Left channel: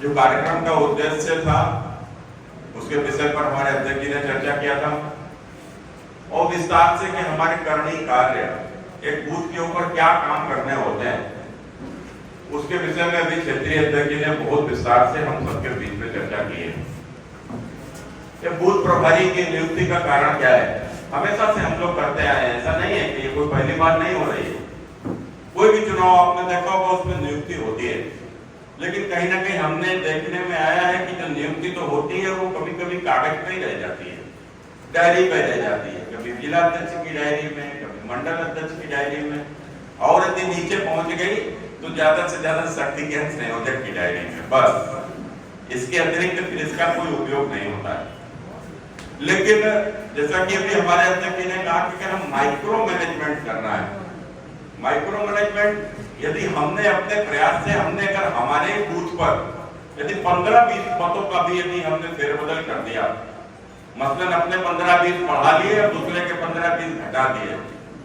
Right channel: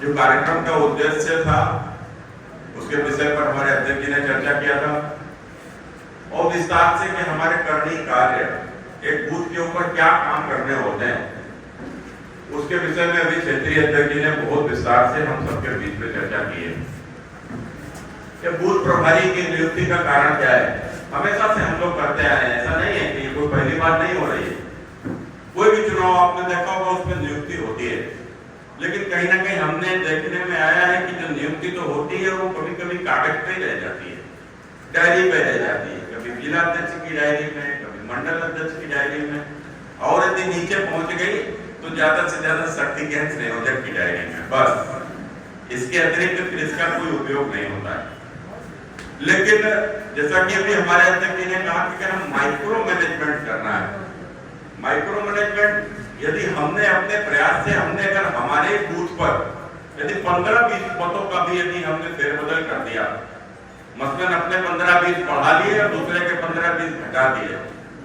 जो कार्यक्रम का उद्देश्य था उसके विषय पर हमारे अध्यक्ष जी ने चर्चा किया था और विस्तार से कि हमारे करनीय कार्य एक बूथ के ऊपर क्या काम करने होते हैं उसके विषय में भी क्षेत्रीय अध्यक्ष जी ने बहुत विस्तार से हम सबके बीच में चर्चा की है। कि बूथ प्रभारी की नियुक्ति का कारण क्या है, हमेशा से हम लोग करते आए हैं, ऐसा नहीं है कि ये कोई पहली बार नहीं हो रही है। कोई भी चुनाव आपने देखा होगा उसमें नियुक्ति होती है, लेकिन कहीं ना कहीं हमने देखने में आया है कि जो नियुक्ति तो होती है वो कभी कभी कागज पे ही रह जाती है, डायरी पे रह जाती है, कभी जिला अध्यक्ष की डायरी में, कभी मंडल अध्यक्ष की डायरी में, और यदि नीचे पहुंच गई तो ज्यादा से ज्यादा शक्तिज्ञान संयोजक की डायरी में, बस इसके अतिरिक्त फिर इसका कोई उपयोग नहीं होता है। लेकिन जैसा कि अभी हमारे अध्यक्ष ने कहा कि अगर हम माइक्रो मैनेजमेंट करना है, माइक्रो मैनेजमेंट यदि हमने अपने प्रयास से हमने अगर हमारे बूथ पर यदि 15-20 मतों का भी यदि हमने फेरबदल कर दिया, मसलन अपने 15-20 बढ़ा लिए और दूसरे के 15-20 घटा दिए,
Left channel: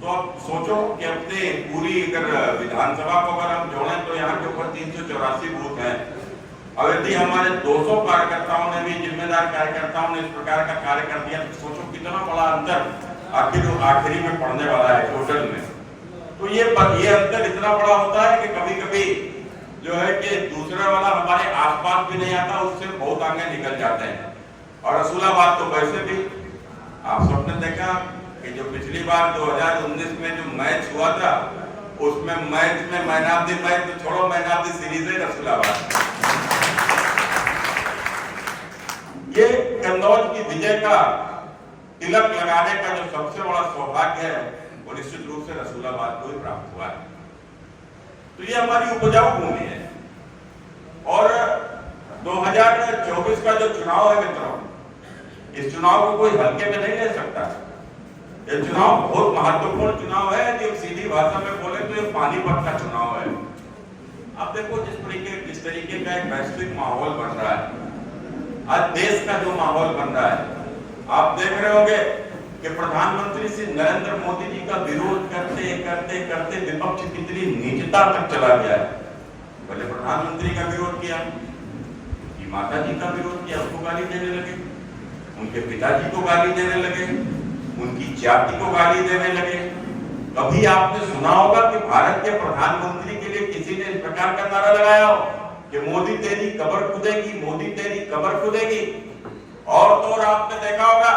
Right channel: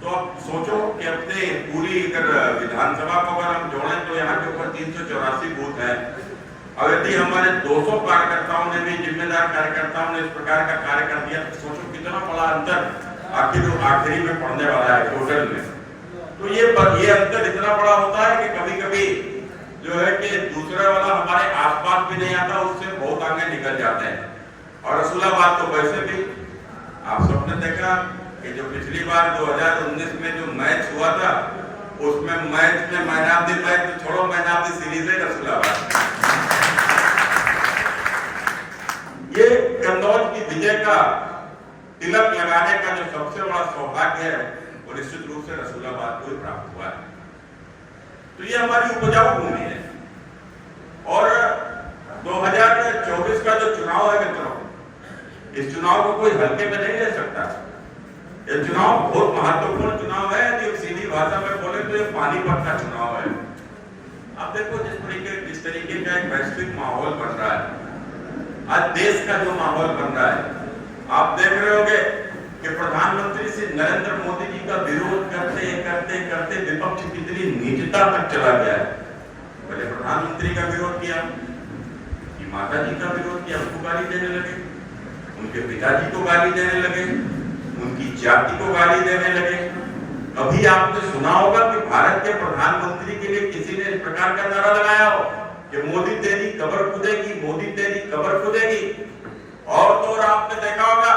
तो अब सोचो कि अपने पूरी अगर विधानसभा को अगर हम जोड़ें तो यहाँ के ऊपर 384 बूथ हैं। और यदि हमारे 200 कार्यकर्ताओं ने भी, जिम्मेदार कार्यकर्ताओं ने इस प्रकार का कार्य कर दिया, तो सोचो कितना बड़ा अंतर आखिरी में पड़ने वाला है टोटल में। तो ये अंतर इतना बड़ा होता है कि कभी कभी जो है कि दूसरा वाला हमारे आसपास भी नहीं आता, उससे बहुत आगे निकल जाते हैं। और रसूलाबाद तो वैसे भी आप सबने देखा कि जो पिछली बार 2019 में जो मैच हुआ था उसमें मैच में मैन ऑफ द मैच तो छोड़ो, मैन ऑफ द सीरीज है रसूलाबाद। ये कन्नौज की विजय का तिलक लगाने का जो सबसे बड़ा सौभाग्य है वो निश्चित रूप से रसूलाबाद को ही प्राप्त हुआ है। तो ये हमारी उपजाऊ भूमि है। और 2024 का जो चुनाव है मित्रों, इस चुनाव को कोई हल्के में नहीं ले सकता। ये चुनाव बहुत महत्वपूर्ण चुनाव है। यदि सीधी भाषा में बोले तो ये पानीपत का चुनाव है। अब देखो जिस तरीके का एक वैश्विक माहौल बन रहा है, आज देश का जो माहौल बन रहा है, आप देख रहे होंगे कि प्रधानमंत्री श्री नरेंद्र मोदी जी का विरोध करते करते करते विपक्ष कितनी नीचता तक चला गया है। पहले प्रधानमंत्री का विरोध किया, उनकी माता जी का विरोध किया, उनको गाली देने लगे, उनके पिताजी को गाली देने लगे, उनकी जाति को गाली देने लगे। कभी आपने सुना होगा कि भारत के प्रधानमंत्री के लिए किसी ने इस प्रकार का नारा लगाया हो कि मोदी तेरी कब्र खुदेगी, मोदी तेरी कब्र खुदेगी। और तो और आपने देखा होगा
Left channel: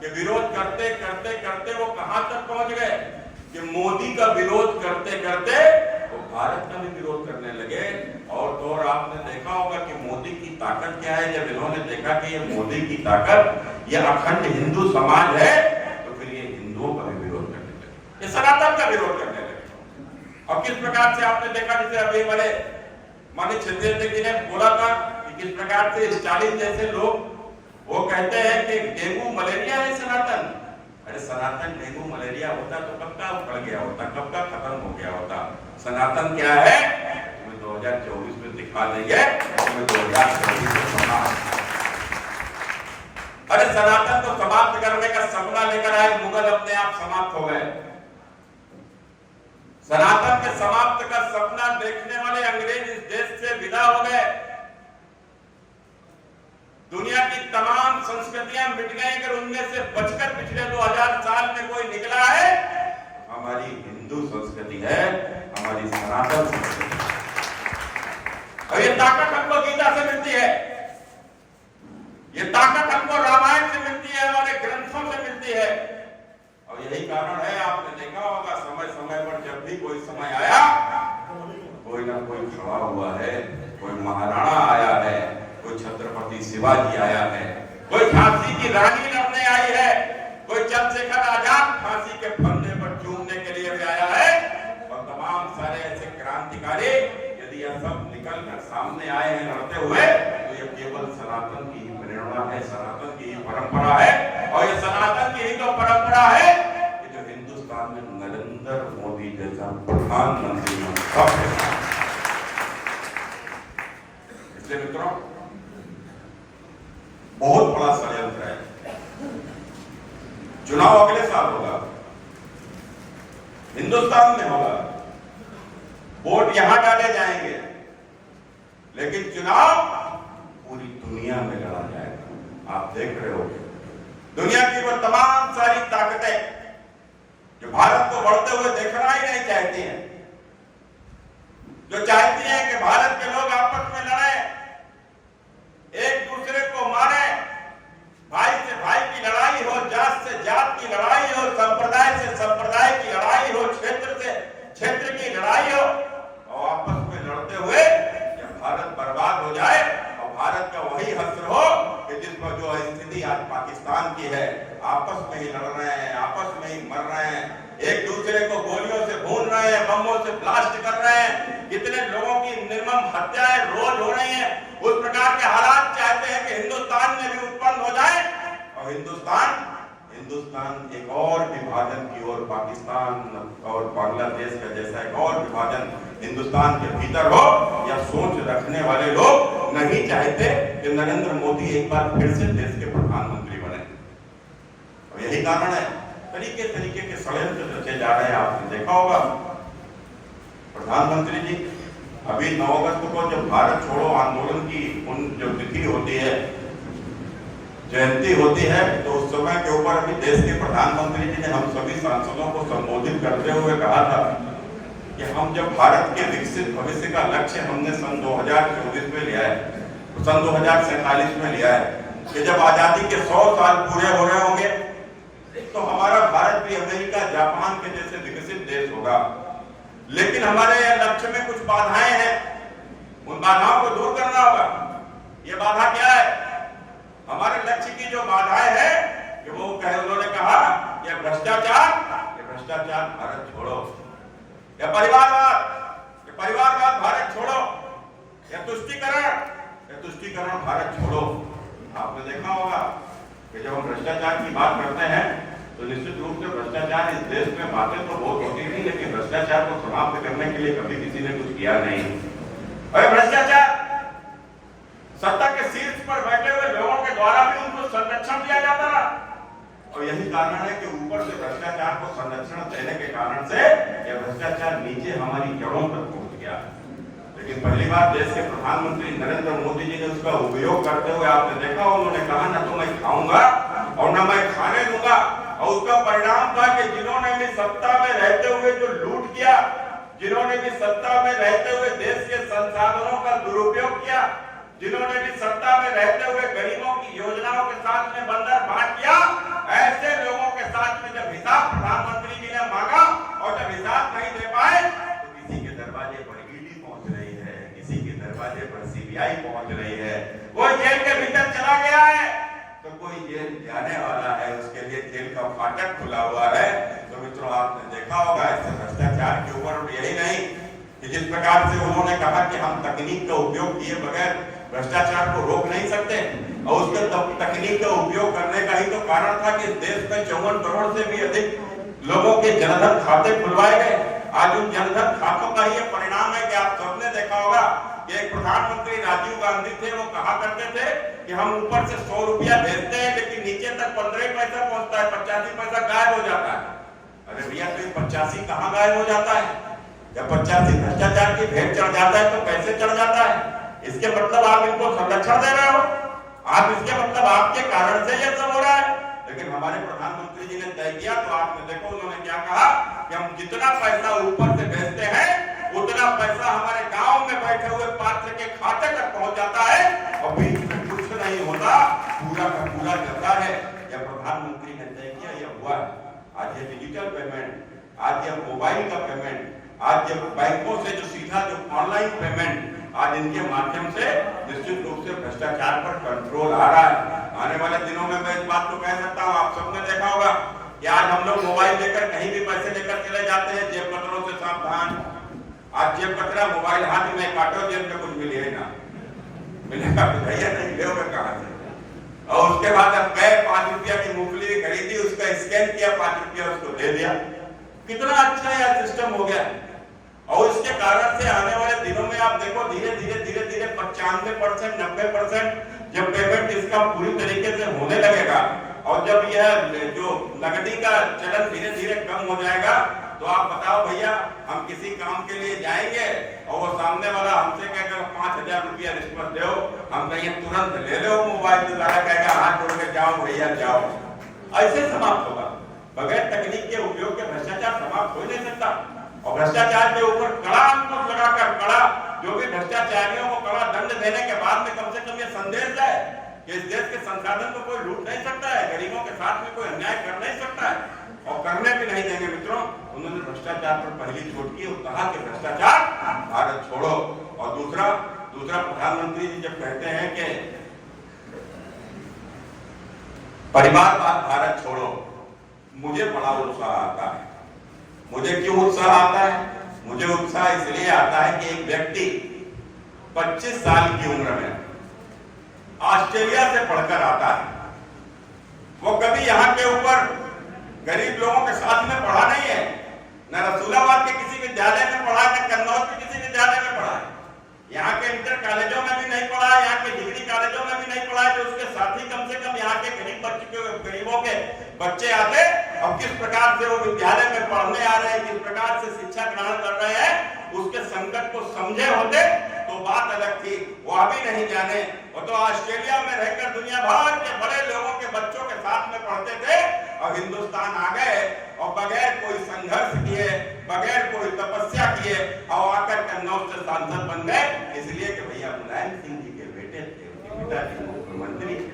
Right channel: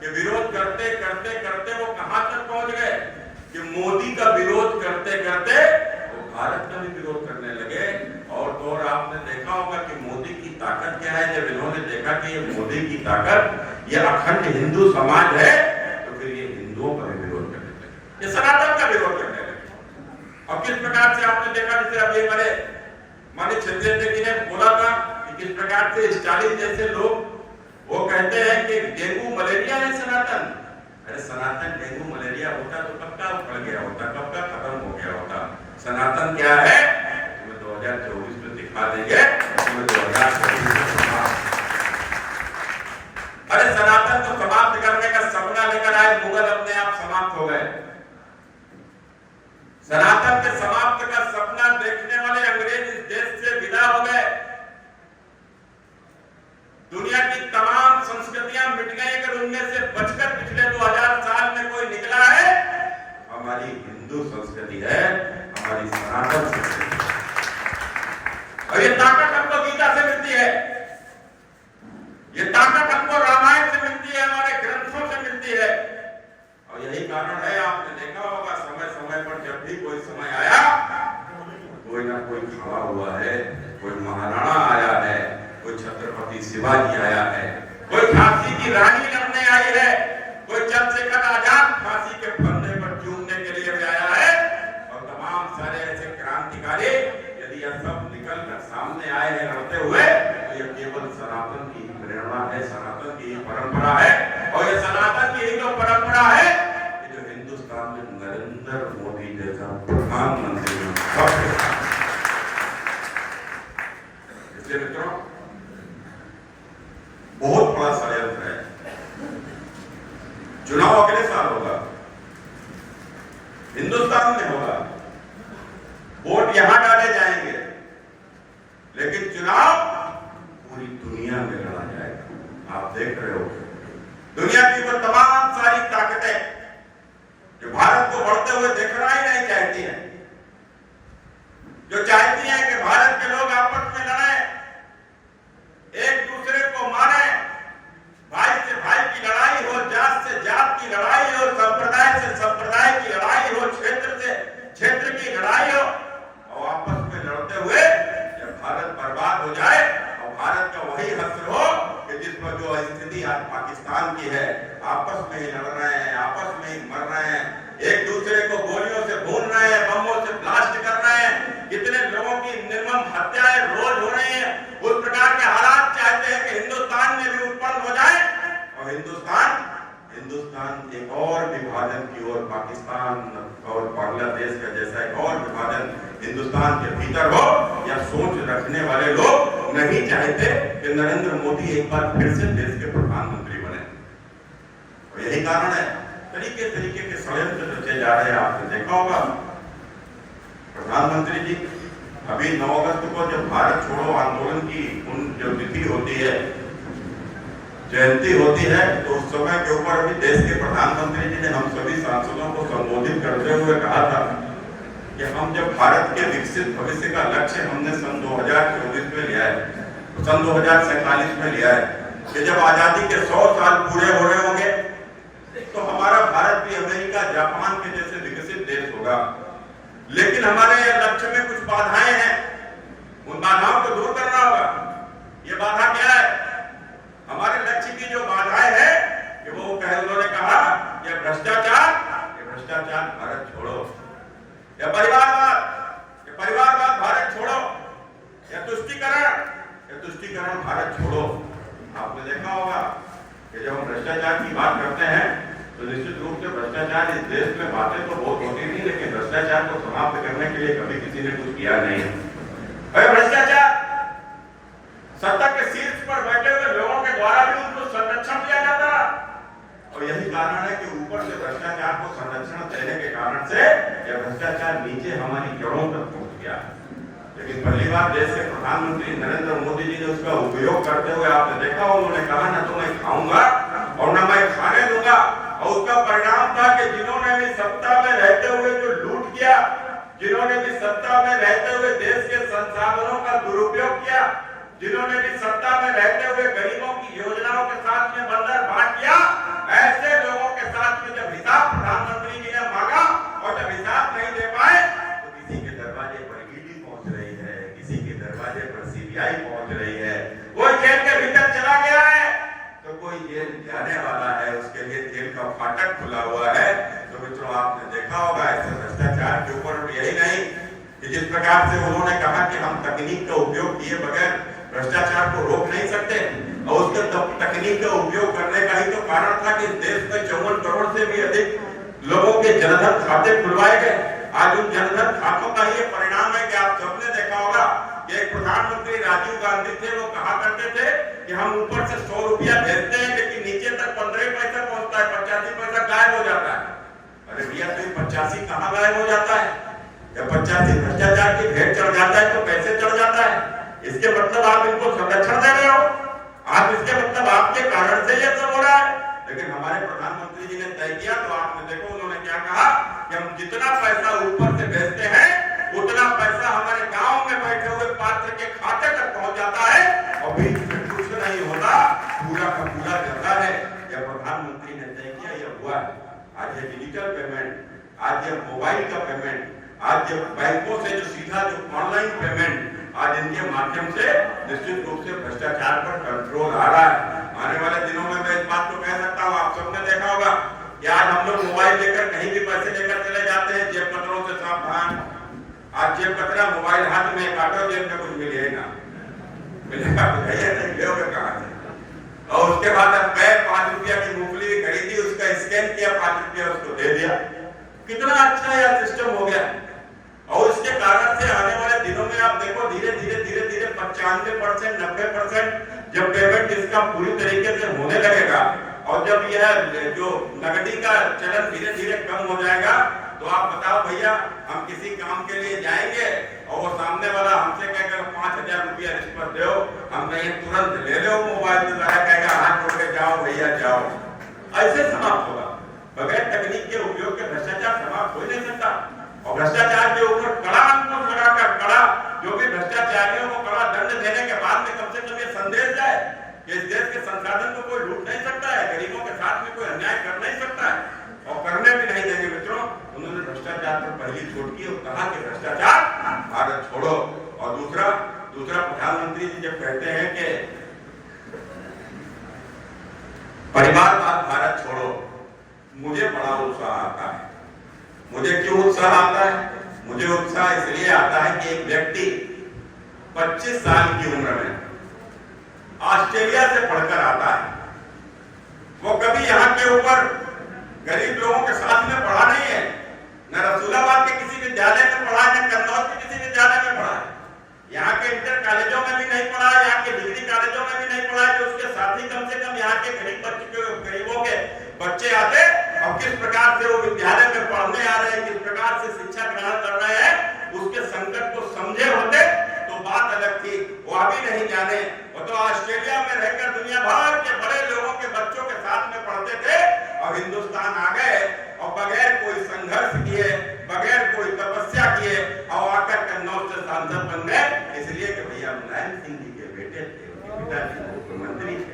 कि विरोध करते करते करते वो कहां तक पहुंच गए कि मोदी का विरोध करते करते वो भारत का भी विरोध करने लगे। और तो और आपने देखा होगा कि मोदी की ताकत क्या है। जब इन्होंने देखा कि ये मोदी की ताकत, ये अखंड हिंदू समाज है, तो फिर ये हिंदुओं का भी विरोध करने लगे, ये सनातन का विरोध करने लगे। और किस प्रकार से आपने देखा, जैसे अभी हमारे माननीय क्षेत्रीय अध्यक्ष ने बोला था कि किस प्रकार से स्टालिन जैसे लोग वो कहते हैं कि डेंगू मलेरिया है सनातन। अरे सनातन डेंगू मलेरिया होता तो कब का उखड़ गया होता, कब का खत्म हो गया होता। सनातन क्या है तुम्हें 2024 में दिखा देंगे, तुम्हें 2024 में समाप्त। अरे सनातन को समाप्त करने का सपना लेकर आए मुगल अपने आप समाप्त हो गए। सनातन के समाप्त का सपना देखने वाले अंग्रेज इस देश से विदा हो गए। दुनिया की तमाम संस्कृतियां मिट गई, अगर उनमें से बचकर पिछले 2000 साल में कोई निकला है, हमारी हिंदू संस्कृति है, हमारी सनातन संस्कृति। और ये ताकत हमको गीता से मिलती है, ये ताकत हमको रामायण से मिलती है, हमारे ग्रंथों से मिलती है। और यही कारण है, आपने देखा होगा समय समय पर जब भी कोई समय आया, कोई ना कोई खड़ा हुआ है, कोई महाराणा आया है, कोई छत्रपति शिवाजी आया है, कोई झांसी की रानी लड़ने आई है, कोई चंद्रशेखर आजाद फांसी के फंदे पर चूमने के लिए भी आया है। और तमाम सारे ऐसे क्रांतिकारी यदि यह सब निकल कर सामने आए हैं लड़ते हुए, तो यह केवल सनातन की प्रेरणा है, सनातन की परंपरा है। और यह सनातन की ही तो परंपरा है कि जो हिंदुस्तान में नरेंद्र मोदी जैसा प्रधानमंत्री इसलिए मित्रों बहुत बड़ा षड्यंत्र है। चुनाव अगले साल होगा, हिंदुस्तान में होगा, वोट यहां डाले जाएंगे, लेकिन चुनाव देख रहे हो। दुनिया की वो तमाम सारी ताकतें जो भारत को बढ़ते हुए देखना ही नहीं चाहती हैं, जो चाहती हैं कि भारत के लोग आपस में लड़े, एक दूसरे को मारे, भाई से भाई की लड़ाई हो, जात से जात की लड़ाई हो, संप्रदाय से संप्रदाय की लड़ाई हो, क्षेत्र से क्षेत्र की लड़ाई हो, और आपस में लड़ते हुए जब भारत बर्बाद हो जाए और भारत का वही हश्र हो कि जिसमें जो स्थिति आज पाकिस्तान की है, आपस में ही लड़ रहे हैं, आपस में ही मर रहे हैं, एक दूसरे को गोलियों से भून रहे हैं, बमों से ब्लास्ट कर रहे हैं, कितने लोगों की निर्मम हत्याएं रोज हो रही हैं। उस प्रकार के हालात चाहते हैं कि हिंदुस्तान में भी उत्पन्न हो जाए और हिंदुस्तान एक और विभाजन की ओर, पाकिस्तान और बांग्लादेश का जैसा एक और विभाजन हिंदुस्तान के भीतर हो, या सोच रखने वाले लोग नहीं चाहते कि नरेंद्र मोदी एक बार फिर से देश के प्रधानमंत्री बने। और यही कारण है तरीके के षड्यंत्र रचे जा रहे हैं। आपने देखा होगा प्रधानमंत्री जी अभी 9 अगस्त को जब भारत छोड़ो आंदोलन की जो तिथि होती है, जयंती होती है, तो उस समय के ऊपर अभी देश के प्रधानमंत्री जी ने हम सभी सांसदों को संबोधित करते हुए कहा था कि हम जब भारत के विकसित भविष्य का लक्ष्य हमने सन 2024 में लिया है, सन 2047 में लिया है कि जब आजादी के 100 साल पूरे हो रहे होंगे तो हमारा भारत भी अमेरिका, जापान के जैसे विकसित देश होगा। लेकिन हमारे लक्ष्य में कुछ बाधाएं हैं, उन बाधाओं को दूर करना होगा। ये बाधा क्या है? हमारे लक्ष्य की जो बाधाएं हैं कि वो उन्होंने कहा या भ्रष्टाचार भारत छोड़ो, या परिवारवाद भारत छोड़ो, या तुष्टीकरण भारत छोड़ो। आपने देखा होगा कि जब हम भ्रष्टाचार की बात करते हैं तो निश्चित रूप से भ्रष्टाचार इस देश में बातें तो बहुत होती नहीं, लेकिन भ्रष्टाचार को समाप्त करने के लिए कभी किसी ने कुछ किया नहीं। और भ्रष्टाचार सत्ता के शीर्ष पर बैठे हुए लोगों के द्वारा भी उनको संरक्षण दिया जाता है, और यही कारण है कि ऊपर से भ्रष्टाचार को संरक्षण देने के कारण से यह भ्रष्टाचार नीचे हमारी जड़ों तक पहुंच गया। लेकिन पहली बार देश के प्रधानमंत्री नरेंद्र मोदी जी ने उसका उपयोग करते हुए आपने देखा, उन्होंने कहा ना तो मैं खाऊंगा और ना मैं खाने दूंगा, और उसका परिणाम था कि जिन्होंने भी सत्ता में रहते हुए जो लूट किया, जिन्होंने भी सत्ता में रहते हुए देश के संसाधनों का दुरुपयोग किया, जिन्होंने भी सत्ता में रहते हुए गरीबों की योजनाओं के साथ में बंदर बांट किया, ऐसे लोगों के साथ में जब हिसाब प्रधानमंत्री जी ने मांगा और जब हिसाब नहीं दे पाए तो किसी के दरवाजे पर ईडी पहुंच रही है, किसी के दरवाजे पर सीबीआई पहुंच रही है, कोई जेल के भीतर चला गया है तो कोई जेल जाने वाला है, उसके लिए जेल का फाटक खुला हुआ है। तो मित्रों आपने देखा होगा ऐसे भ्रष्टाचार के ऊपर यही नहीं कि जिस प्रकार से उन्होंने कहा कि हम तकनीक का उपयोग किए बगैर भ्रष्टाचार को रोक नहीं सकते, और उसके तकनीक का उपयोग करने का ही तो कारण था कि देश में 54 करोड़ से भी अधिक लोगों के जनधन खाते खुलवाए गए। आज उन जनधन खातों का ये परिणाम है कि आप सबने देखा होगा कि एक प्रधानमंत्री राजीव गांधी थे, वो कहा करते थे कि हम ऊपर से 100 रुपया भेजते हैं लेकिन नीचे तक 15 पैसा पहुंचता है, 85 पैसा गायब हो जाता है। अरे भैया तो 85 कहाँ गायब हो जाता है? जब 85 भ्रष्टाचार की भेंट चढ़ जाता है तो पैसे चढ़ जाता है। इसके मतलब आप इनको संरक्षण दे रहे हो, आप इसके मतलब आपके कारण से ये सब हो रहा है। लेकिन हमारे प्रधानमंत्री जी ने तय किया, तो आपने देखो उन्होंने क्या कहा कि हम जितना पैसा ऊपर से भेजते हैं उतना पैसा हमारे गांव में बैठे हुए पात्र के खाते तक पहुंच जाता है, और बीच में कुछ नहीं होता, पूरा का पूरा जाता है। यह प्रधानमंत्री ने तय किया, यह हुआ। आज ये डिजिटल पेमेंट, आज ये मोबाइल का पेमेंट, आज ये बैंकों से जो सीधा जो ऑनलाइन पेमेंट, आज इनके माध्यम से निश्चित रूप से भ्रष्टाचार पर कंट्रोल आ रहा है। आने वाले दिनों में मैं इस बात को कह सकता हूँ, आप सबने देखा होगा कि आज हम लोग मोबाइल लेकर कहीं भी पैसे लेकर चले जाते हैं, जेब कतरों से सावधान। आज जेब कतरा मोबाइल हाथ में काटो, जेब में कुछ मिले ना मिलेगा तो भैया नहीं मिलेगा कहाँ से। और उसके बाद अब गए 5 रुपया की मूंगफली खरीदी, उसका स्कैन किया, 5 रुपया उसको दे दिया। कितना अच्छा यह सिस्टम हो गया। और इसके कारण से आने वाले दिनों में आप देखो धीरे धीरे 95%, 90% जब पेमेंट इसका पूरी तरीके से होने लगेगा, और जब यह जो नकदी का चलन धीरे धीरे कम हो जाएगा, तो आप बताओ भैया हम किसी काम के लिए जाएंगे और वो सामने वाला हमसे कहेगा 5,000 रुपया रिश्वत दो, हम कहेंगे तुरंत ले लो मोबाइल के द्वारा, कहेगा हाथ जोड़ के जाओ भैया जाओ, ऐसे समाप्त होगा। बगैर तकनीक के उपयोग के भ्रष्टाचार समाप्त हो नहीं सकता। और भ्रष्टाचार के ऊपर कड़ा अंकुश लगाकर, कड़ा जो भी भ्रष्टाचारियों को कड़ा दंड देने के बाद में कम से कम ये संदेश जाए कि इस देश के संसाधन को कोई लूट नहीं सकता है, गरीबों के साथ में कोई अन्याय कर नहीं सकता है, और करने भी नहीं देंगे। मित्रों, उन्होंने भ्रष्टाचार पर पहली चोट की और कहा कि भ्रष्टाचार भारत छोड़ो। और दूसरा प्रधानमंत्री जी जब कहते हैं कि परिवारवाद भारत छोड़ो, मुझे बड़ा उत्साह आता है। मुझे क्यों उत्साह आता है? मुझे उत्साह इसलिए आता है कि एक व्यक्ति 25 साल की उम्र में ऑस्ट्रेलिया से पढ़कर आता है, वो कभी यहाँ के ऊपर गरीब लोगों के साथ में पढ़ा नहीं है, न रसूलाबाद के किसी विद्यालय में पढ़ा है, न कन्नौज के किसी विद्यालय में पढ़ा है, यहाँ के इंटर कॉलेजों में भी नहीं पढ़ा है, यहाँ के डिग्री कॉलेजों में भी नहीं पढ़ा है। जो उसके साथी कम से कम यहाँ के गरीबों के बच्चे आते और किस प्रकार से वो विद्यालय में पढ़ने आ रहे हैं, किस प्रकार से शिक्षा ग्रहण कर रहे हैं, उसके संकट को समझे होते तो बात अलग थी। वो अभी नहीं जाने, वो तो ऑस्ट्रेलिया में रहकर दुनिया भर के बड़े लोगों के बच्चों के साथ में पढ़ते थे और हिंदुस्तान आ गए और बगैर कोई संघर्ष किए, बगैर कोई तपस्या किए और आकर कन्नौज से सांसद बन गए, इसलिए कि भैया मुलायम सिंह जी के बेटे थे, उनके पिताजी मुख्यमंत्री थे।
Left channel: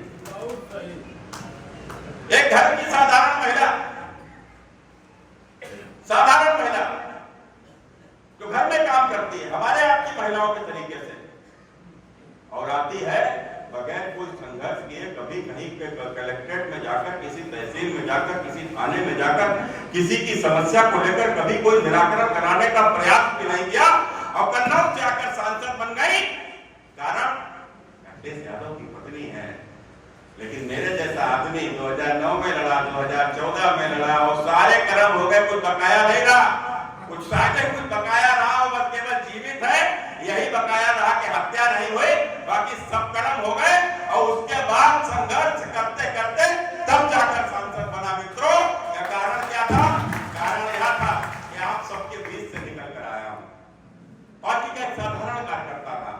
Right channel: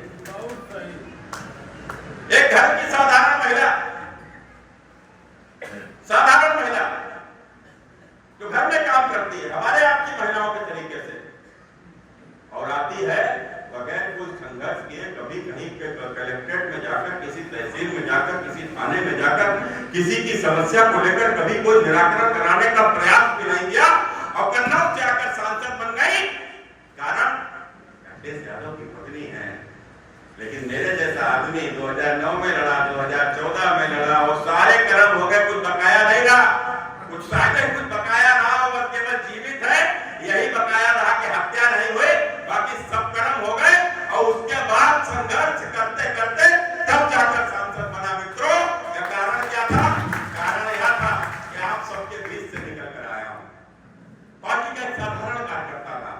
एक घर की साधारण महिला जो घर में काम करती है हमारे आपकी महिलाओं के तरीके से, और आती है बगैर कोई संघर्ष किए, कभी कहीं के कलेक्ट्रेट में जाकर, किसी तहसील में जाकर, किसी थाने में जाकर किसी की समस्या को लेकर कभी कोई निराकरण कराने का प्रयास भी नहीं किया और कन्नौज से आकर सांसद बन गई। कारण राकेश यादव की पत्नी है, लेकिन मेरे जैसा आदमी 2009 में लड़ा, 2014 में लड़ा और सारे कर्म हो गए, कुछ बकाया नहीं रहा, कुछ साके कुछ बकाया रहा और बस केवल जीवित है, यही बकाया रहा कि हत्या नहीं हुई, बाकी सब कर्म हो गए। और उसके बाद संघर्ष करते करते तब जाकर सांसद बना। मित्रों, कारण क्या था? कारण यह था कि आप सबके बीच से निकल कर आया हूं। पार्टी का एक साधारण कार्यकर्ता था,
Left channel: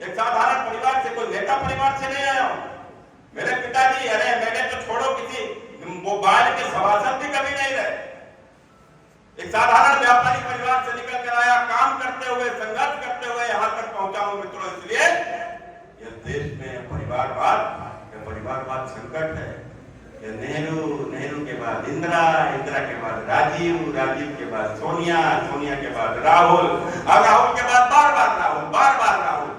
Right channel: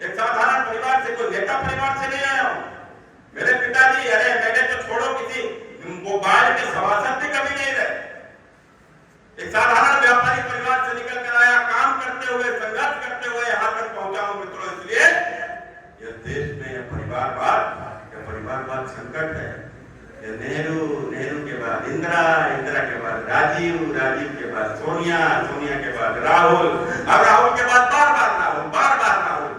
एक साधारण परिवार से, कोई नेता परिवार से नहीं आया हूं। मेरे पिताजी, अरे मैंने तो छोड़ो किसी मोबाइल के सभासद भी कभी नहीं रहे, एक साधारण व्यापारी परिवार से निकल कर आया, काम करते हुए, संघर्ष करते हुए यहाँ तक पहुंचा हूं। मित्रों, इसलिए ये देश में परिवारवाद संकट है। नेहरू के बाद इंदिरा के बाद राजीव के बाद सोनिया के बाद राहुल, अब राहुल के बाद बार बार राहुल,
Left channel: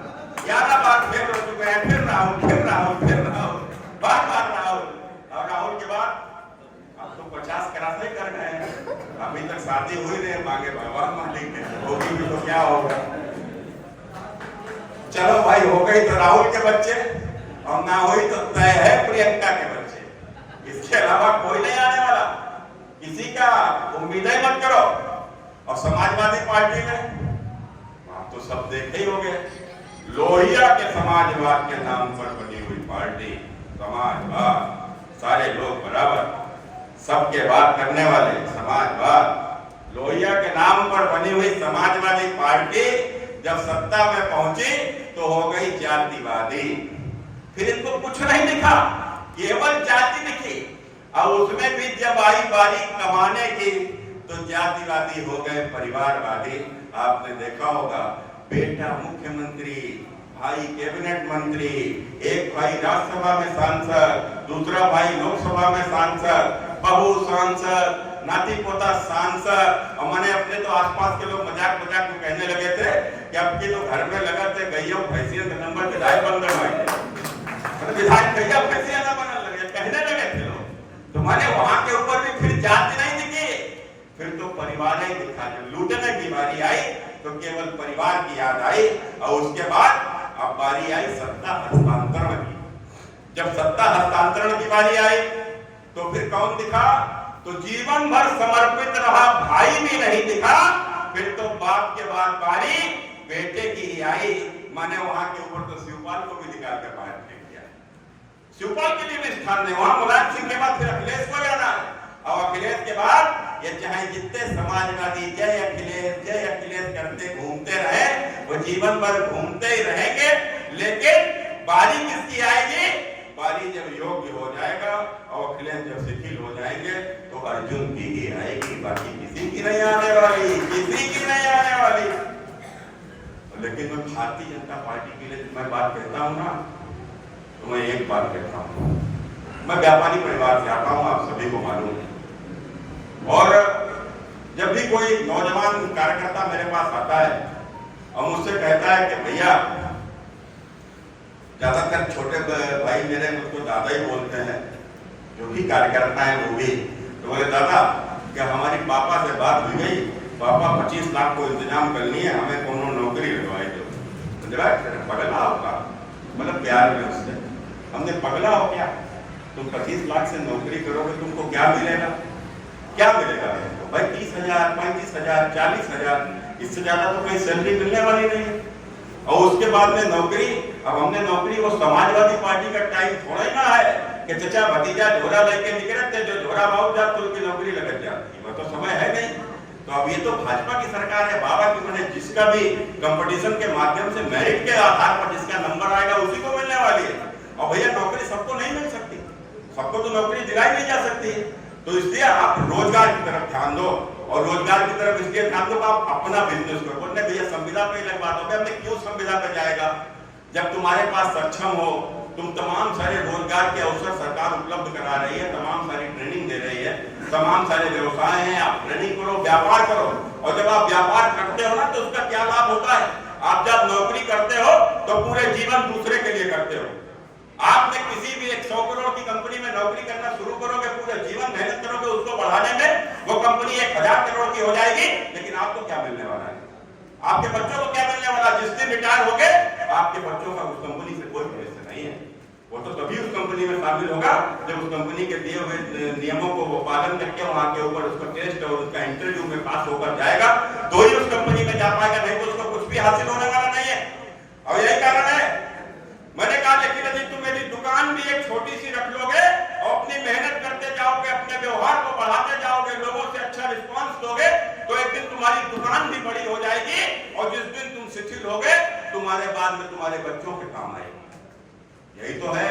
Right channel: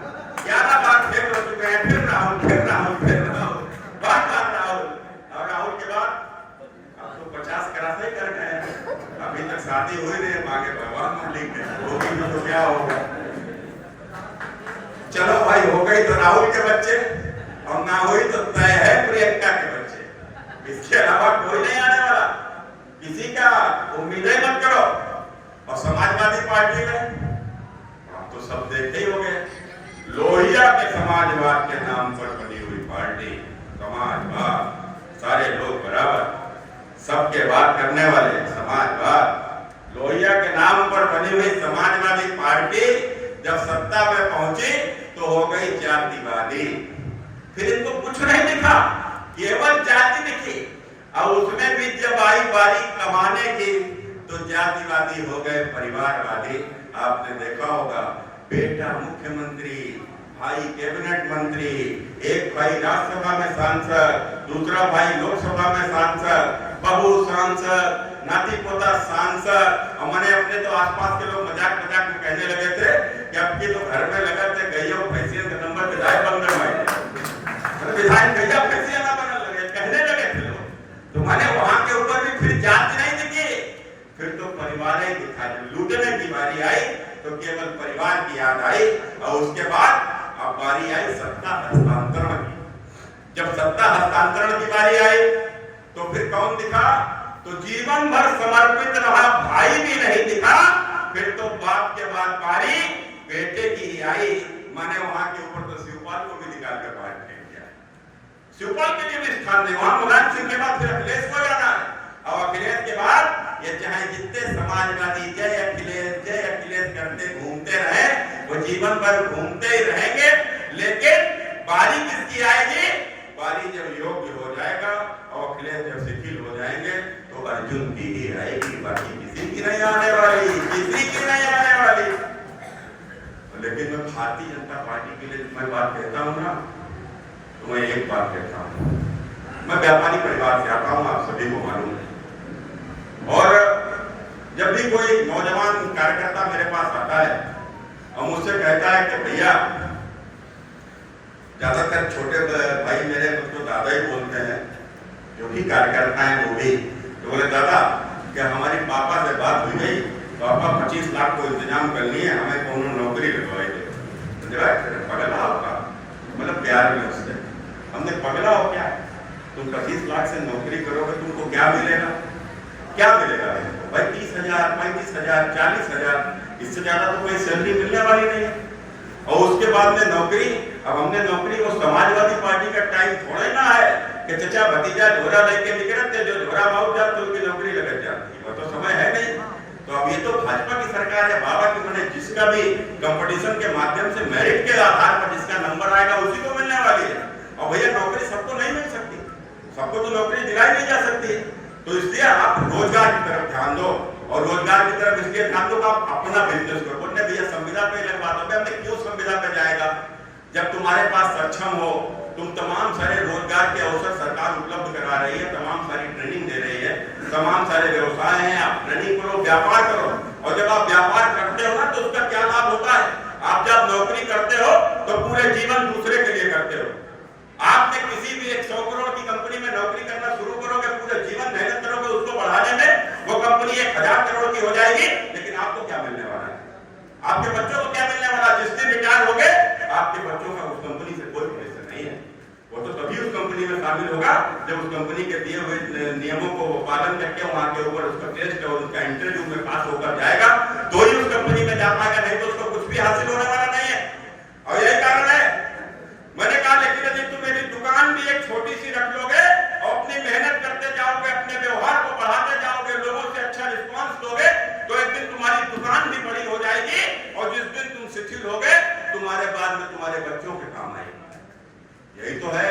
11 बार फेल हो चुके हैं, फिर राहुल, बार राहुल, और राहुल के बाद अब तो 50 करासे कर गए हैं, अभी तक शादी हुई नहीं, मांगे भगवान मंडी के होगी भी तो क्या होगा। चलो भाई, हो गई तो राहुल के बच्चे और ना हुई तो तय है प्रियंका के बच्चे, इसके अलावा कोई नहीं आने वाला। किसी का उम्मीद ही मत करो। और समाजवादी पार्टी में आप तो सब देखे ही होंगे, लोहिया के समाजवाद के नाम पर बनी हुई पार्टी, समाजवाद, सारे लोग बराबर, सबके बात करने वाले समाजवाद, लोहिया के नाम पर बनी हुई समाजवादी पार्टी जब सत्ता में पहुंची तो हो गई जातिवादी। फिर इनको कुछ नहीं दिखा, केवल जाति दिखी, और उसमें भी जब आई बारी कमाने की तो जातिवादी हो गए परिवारवादी। आपने देखा होगा, बेटा मुख्यमंत्री, भाई कैबिनेट मंत्री, एक भाई राज्यसभा में सांसद, दूसरा भाई लोकसभा में सांसद, बहू सांसद, नाती पोता सांसद। और मैंने अपने तो आसपास के लोग मजाक में कहने लगे थे कि अब की तो घर में लगा थे गईयों भैंसियों के नंबर विधायक बन रहे, विधायक गैया भैंसिया ना बनने लगे, कहने लगे थे लोग। तो मैंने वहां के ऊपर भी फिर जात नहीं दिखी, फिर तो परिवार ही दिखा। जब लूटने की बारी आई तो केवल परिवार की याद आई, और उसके बाद अब बारी आई सत्ता हस्तांतरण की। जब सत्ता हस्तांतरण की बारी आई तो फिर कौन दिखा? तो जीवन भर समर्पित रहा भाई भी नहीं दिखा, फिर तो बाप के बाद बारी बेटे की आई। मैंने वहां के ऊपर तो शिवपाल को भी निकाल कर बाहर फेंक दिया। शिवपाल के लिए भी स्थान नहीं, वहां मुलायम सिंह के बाद फिर अखिलेश को जाना है, और अखिलेश के बाद ये चाहे जितने समाजवादी जय अखिलेश करते घूमते रहे, वो जीवन भर घूमते ही रहेंगे। लेकिन बारी किसकी आएगी? बारी जब योग्य हो जाएगा और अखिलेश जब शिथिल हो जाएंगे तो अर्जुन की ही आएगी, बाकी किसी की नहीं आने वाली, किसी की नहीं आने वाली। लेकिन मैं भारतीय जनता पार्टी के लिए मैं बात कहता हूँ ना, तो मैं एक बात कहता हूँ, मैं व्यापारी परिवार से आता हूँ, आप सभी को मालूम है। और जब भी कोई नौजवान कार्यकर्ता मेरे पास आता है और मुझसे कहता है कि भैया, ज्यादातर छोटे भाई मेरे मुझको दादा ही बोलते हैं, जो भी कार्यकर्ता है वो भी, तो बोले दादा क्या हमारी पापा से बात हुई गई, पापा 25 लाख को इंतजाम कर लिए, हमें कौन नौकरी लगवाई दो। पगला होगा, मतलब प्यार में उससे, हमने पगला हो क्या, तुम 25 लाख से नौकरी करोगे, तुमको क्या मिलेगा? क्या मिलेगा भाई? 30,000, 35,000, 40,000, इससे ज्यादा तो कोई सैलरी मिलने वाली नहीं है। और उसके बाद में नौकरी, अब हमने नौकरी को समाजवादी पार्टी का टाइम थोड़ा ही ना है कि चचा भतीजा झोरा लेके निकले थे, जो झोरा माउट जाए तो उनकी नौकरी लग जाती है, वो तो समय है नहीं। तो अब ये तो भाजपा की सरकार है बाबा की, मैंने जिसका भी कंपटीशन के माध्यम से मेरिट के आधार पर जिसका नंबर आएगा उसी को मिलने वाली है। और भैया नौकरी सबको नहीं मिल सकती, सबको तो नौकरी दिलाई नहीं जा सकती। तो इसलिए आप रोजगार की तरफ ध्यान दो, और रोजगार की तरफ इसलिए ध्यान दो आप अपना बिजनेस करो। बोलने भैया संविदा पे लग बात हो, हमने क्यों संविदा पे जाएगा? जब तुम्हारे पास सक्षम हो, तुम तमाम सारे रोजगार के अवसर सरकार उपलब्ध करा रही है, तमाम सारी ट्रेनिंग दे रही है, तमाम सारे व्यवसाय हैं, आप ट्रेनिंग करो, व्यापार करो। और जब आप व्यापार करते हो ना तो उसका क्या लाभ होता है? आप जब नौकरी करते हो तो पूरे जीवन दूसरे के लिए करते हो। आपने किसी भी 100 करोड़ की कंपनी में नौकरी करना शुरू करोगे, पूरे जीवन मेहनत करोगे उसको बढ़ाने में, वो कंपनी 1000 करोड़ की हो जाएगी, लेकिन आपको क्या मिलने वाला है? आपके बच्चों को क्या मिलने वाला? जिस दिन रिटायर हो गए आपके बच्चों का उस कंपनी से कोई रिलेशन नहीं है। वो तो तभी उस कंपनी में शामिल होगा जब उस कंपनी के दिए हुए नियमों को वो पालन करके वहां के ऊपर उसका टेस्ट और उसका इंटरव्यू में पास होकर जाएगा, तो ही उस कंपनी में जा पाएगा, नहीं तो उसको कुछ भी हासिल होने वाला नहीं है। और यही कारण है मैंने कहा, लेकिन यदि तुम मेरी दुकान भी एक छोटी सी रख लोगे और अपनी मेहनत करते जाओगे, अपने व्यवहार को बढ़ाते जाओगे, लोगों से अच्छा रिस्पांस दोगे, तो एक दिन तुम्हारी दुकान भी बड़ी हो जाएगी। और जिस दिन तुम शिथिल होगे, तुम्हारे बाद में तुम्हारे बच्चों के काम आएगी। यही तो है।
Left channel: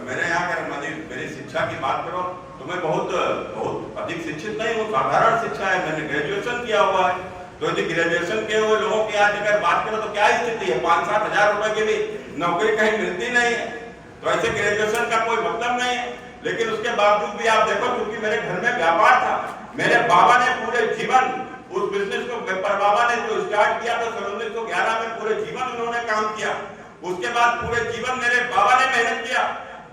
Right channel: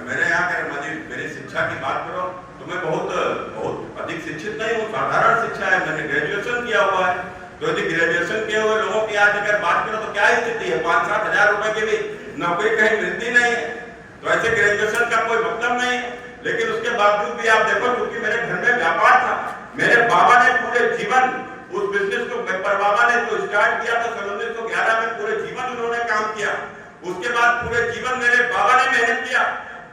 मेरे यहाँ कर मेरी शिक्षा की बात करो तो मैं बहुत अधिक शिक्षित नहीं हूँ, साधारण शिक्षा है, मैंने ग्रेजुएशन किया हुआ है। तो यदि ग्रेजुएशन किए हुए लोगों की आज अगर बात करो तो क्या स्थिति है? 5-7 हजार रुपए की भी नौकरी कहीं मिलती नहीं है। तो ऐसे ग्रेजुएशन का कोई मतलब नहीं है। लेकिन उसके बावजूद भी आप देखो, क्योंकि मेरे घर में व्यापार था, मेरे बाबा ने पूरे जीवन उस बिजनेस को, पर बाबा ने जो स्टार्ट किया था 1911 में, पूरे जीवन उन्होंने काम किया। उसके बाद पूरे जीवन मेरे बाबा ने मेहनत किया,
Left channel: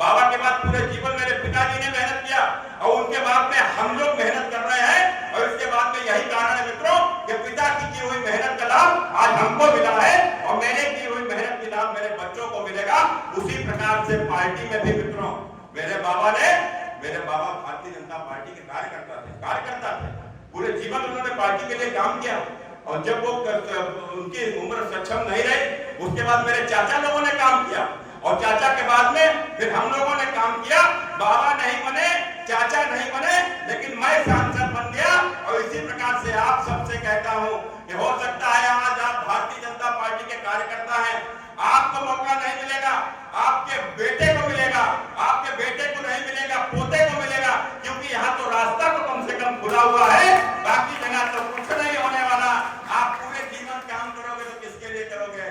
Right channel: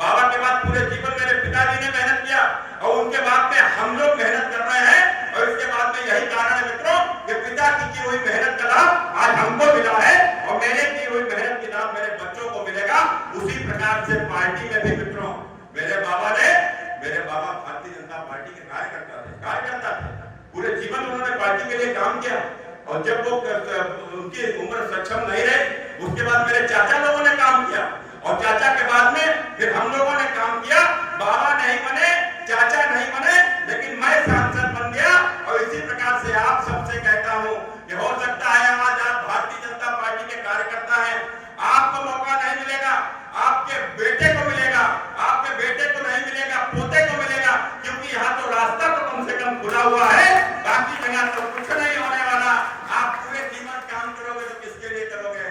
बाबा के बाद पूरे जीवन मेरे पिताजी ने मेहनत किया, और उनके बाद में हम लोग मेहनत कर रहे हैं। और इसके बाद में यही कारण है मित्रों कि पिता की हुई मेहनत का लाभ आज हमको मिला है, और मैंने की हुई मेहनत का लाभ मेरे बच्चों को मिलेगा। उसी प्रकार से पार्टी में भी मित्रों, मेरे बाबा भारतीय जनता पार्टी के कार्यकर्ता थे। पूरे जीवन उन्होंने पार्टी के लिए काम किया, और जब वो उनकी उम्र सक्षम नहीं रही, उसके बाद मेरे चाचा लोगों ने काम किया, और चाचा के बाद में फिर हम लोगों ने काम किया। बाबा नहीं बने, चाचा नहीं बने, लेकिन मैं सांसद बन गया। और इसी प्रकार से आप सबसे कहता हूं कि हो सकता है आज आप भारतीय जनता पार्टी के कार्यकर्ता हैं, आपको मौका नहीं मिलेगा, आपके बेटे को मिलेगा, आपके बेटे को नहीं मिलेगा, पोते को मिलेगा, क्योंकि यहाँ तो रास्ता तो कम से कम खुला हुआ है, बाकी जगह तो कुछ नहीं होने वाला। आप पूरे जीवन काम करोगे तो किसके लिए करोगे?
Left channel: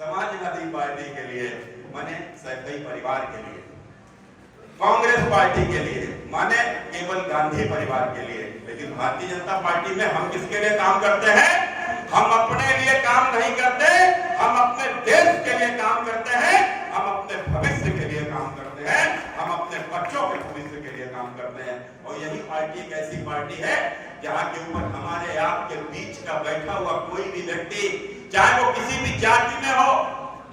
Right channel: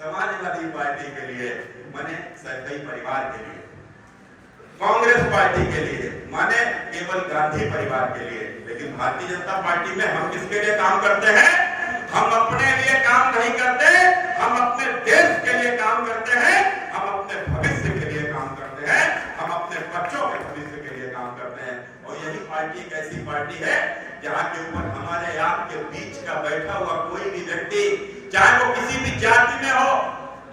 समाजवादी पार्टी के लिए, माने सभी परिवार के लिए, कांग्रेस पार्टी के लिए, माने केवल गांधी परिवार के लिए। लेकिन भारतीय जनता पार्टी में हम किसके लिए काम करते हैं? हम अपने लिए काम नहीं करते, हम अपने देश के लिए काम करते हैं, हम अपने भविष्य के लिए काम करते हैं, हम अपने बच्चों के भविष्य के लिए काम करते हैं। और यही पार्टी एक ऐसी पार्टी है जहाँ के ऊपर हमारे आपके बीच का बैठा हुआ कोई भी व्यक्ति, चाहे वो किसी भी जाति में हो,